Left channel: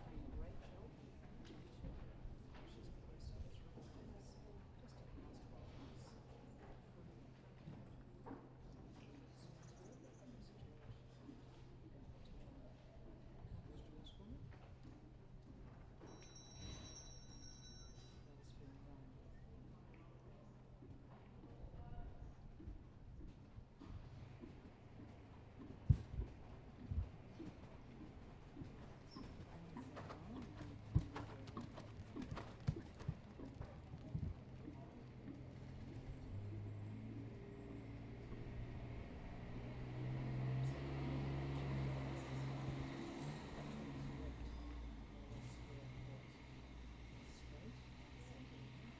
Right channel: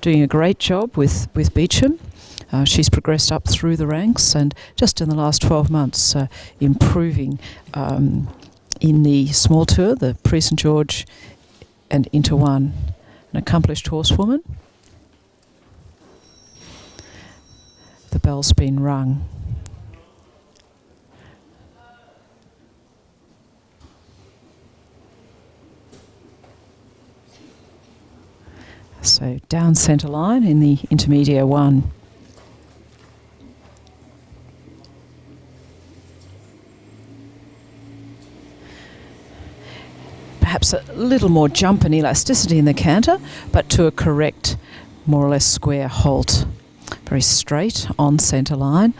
doing a great job with Beauchamp. She's progressed up through the ranks and just in the last 12 months improving in the small tour, the Prix St George and into one. An accomplished horsewoman. The bell's been rung. So down centre line in the intermediate one. Perhaps a little more jump and elasticity in the canter, but to a correct, more or less square halt. Very straight on centre line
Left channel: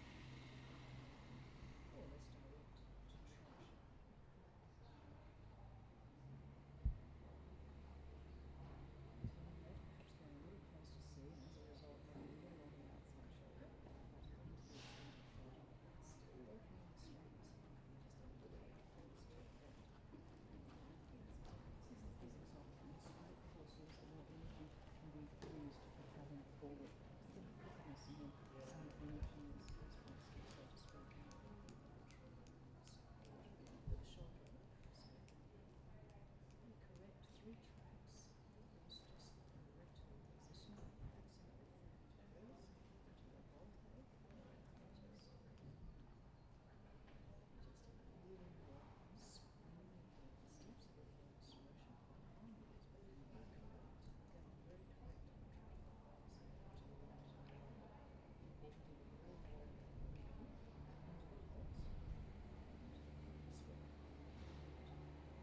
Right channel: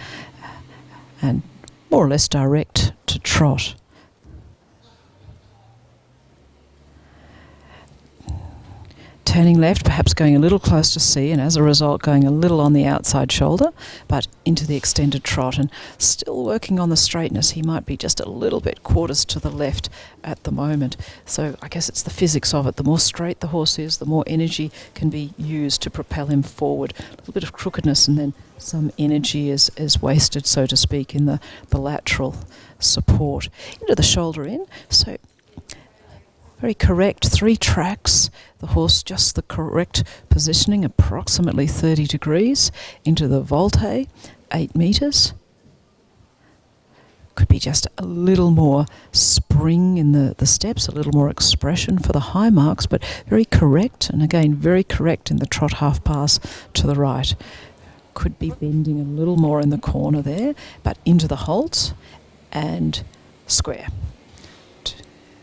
and more or less direct to trot. Turning left, perhaps going a little close to C, and as a result going a little on the outside shoulder, but into the extended trot, and still working on the straightness. He might be just a little bit quarters to the left at the moment. So I guess it's the physics of it. The more straight the horse is, the more energy can be used to propel him forward. A little bit of crookedness and then some energy is wasted, so to speak, in the lateral support. Into the shoulder in, so very correct, 3 tracks, the horse just the correct positioning, approximately 30 degrees, into the volte, 8 metres. Could be just a little more spring in the steps, a little more expression for the high marks, but very correct, and again very correct in the trot half pass to the right. Could be bending a little more in the corner there, but into the halt and square.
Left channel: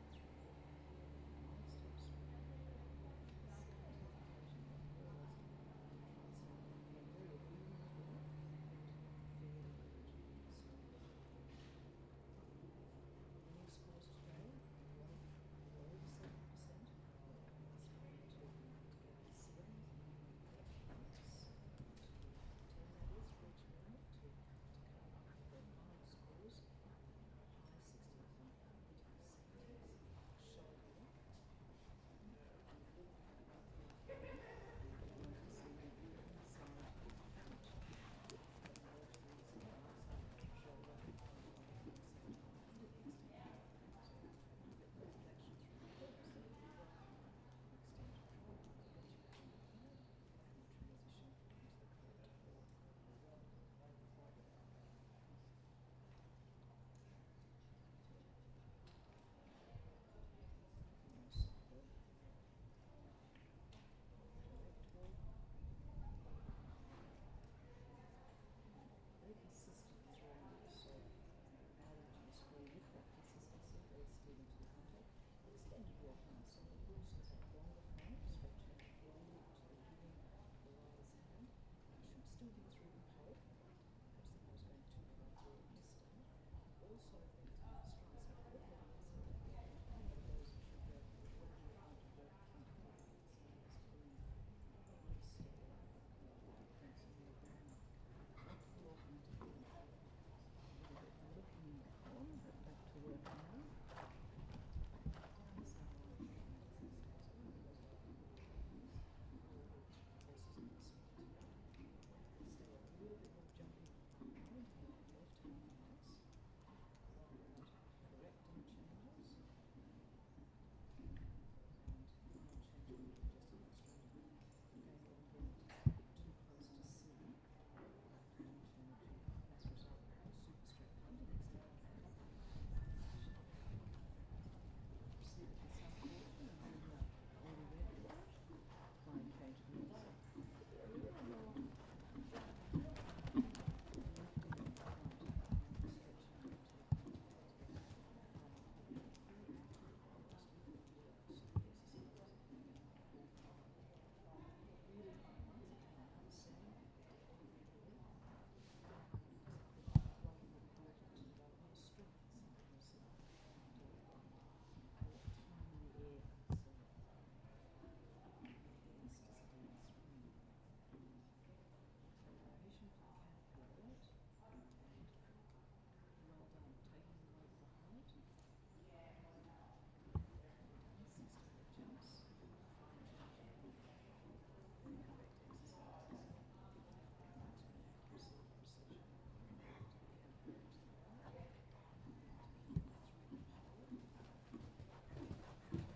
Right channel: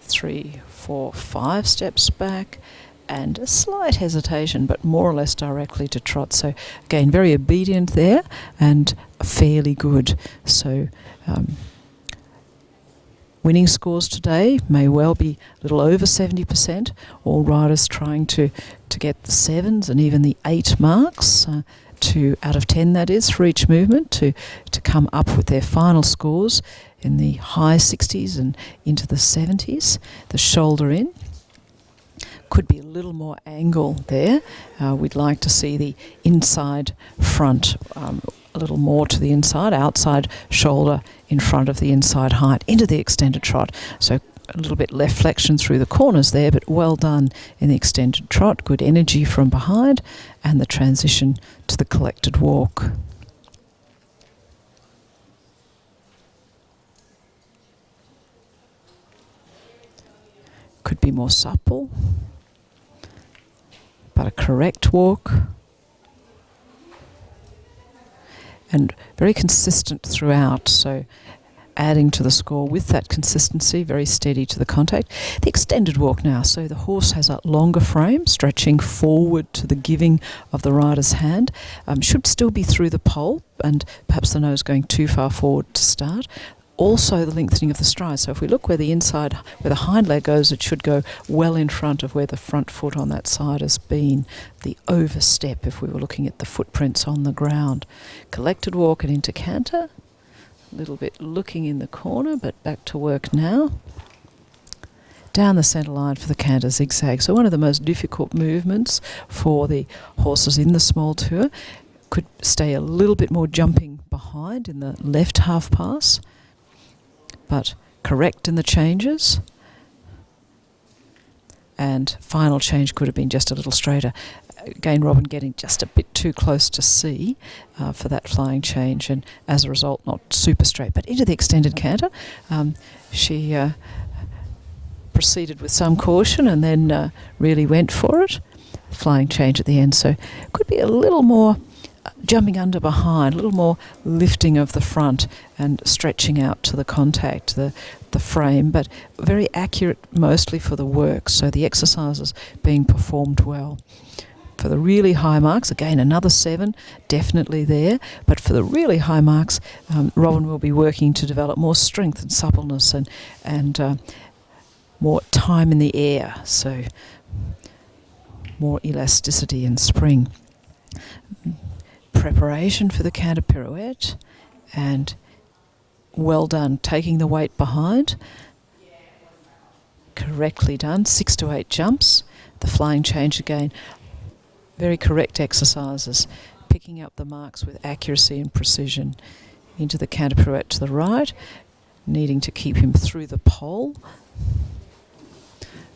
3, 4, 5 steps back and a slight hesitation, but more or less directly to trot. So again, very obedient there and fairly good. So winning scores today may well be a little over 70%. All riders trying to get the 7s and even the 8 marks, out of 10 that is, for each movement, to come up with their final scores in the high 60s and into the 70s. The shoulder in. Could be a little more angle there. We'd like to see the inside front a little more to the inside, outside shoulder in front of the inside height, into the extended trot. So a little bit left flexion through the corners there, but well done in the extended trot. Good energy from behind and the transition to the collected walk. Could be more supple, but a correct walk. And very consistent throughout, so adding to the score with that consistency, very steady to the contact. The extended walk now, so the horse has a longer frame, stretching forward to the giving of the rider's hand. Should still be through the pole, and perhaps the nose going too far forward to start. Also the lengthening of the stride. So if we look where the hind leg goes, it should go well in front of where the front foot on that side has been. The overstep, if we were looking at the footprints on the ground. Collected walk and into canter. A little bit looking in the corner, but back to work now. Down the centre line for the canter zigzag. So one of the most difficult movements for the horses in the small tour. Could stay a little bit more jumping behind in the left half pass, but correct in the changes. And final change could have been just a little straighter. Again, Robyne getting just a bit too close to C for that flying change, and as a result not super straight. But into the extended canter, she proceeded with some caution and then really went for it. Flying change at the end, so could be a little more jumping under behind, a little more lifting of the front and stretching out to the contact, the frame, but very accurate mostly for the work, so the exercises being performed well. For the really high marks, again another 7, definitely there, but for the really high marks, Robyne will be working to develop more strength and suppleness and more time in the air, so more elasticity and spring. Preparation for the canter pirouette, and well done taking the weight behind, correctly done, 6 to 8 jumps. The flying change again, Very correct exercises, picking up the marks with accuracy and precision. Into the canter pirouette to the right, needing to keep him through the pole.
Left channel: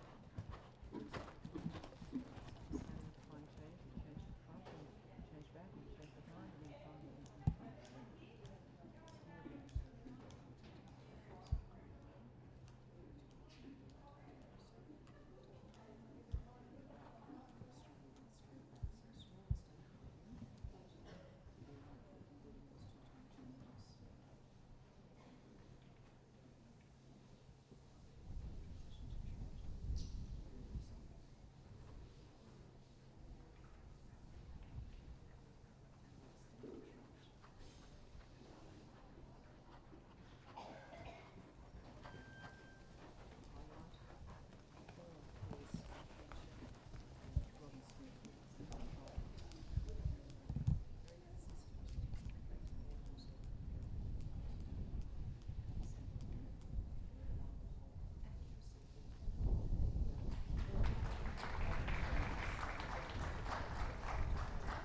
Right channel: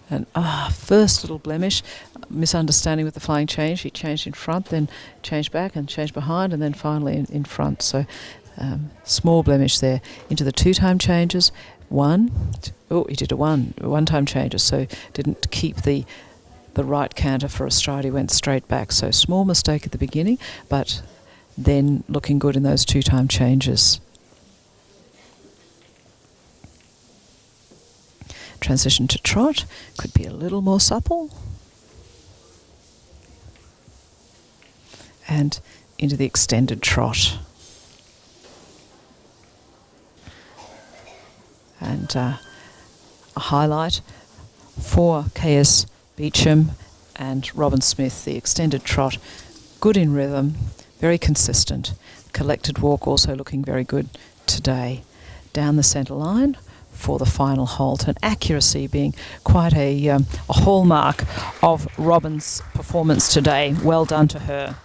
And first little blemish, misunderstanding with the flying change. He changed in front, then changed back and changed behind, and then finally in front. So small blemish there. Into the two-time changes. He did a one-time changes, so didn't keep the right canter for a stride. He went straight back. So small mistake at the beginning, but then looking good in those two-time changes. Transition to trot, could be a little more supple. And into the extended trot. And a highlight for KS Beauchamp and Robyne Smith, the extended trot, good in rhythm, very consistent. Collected walk also looking very good today. Down the centre line for the final halt, and accuracy being quite a hallmark of Robyne's performance today. Well done to her.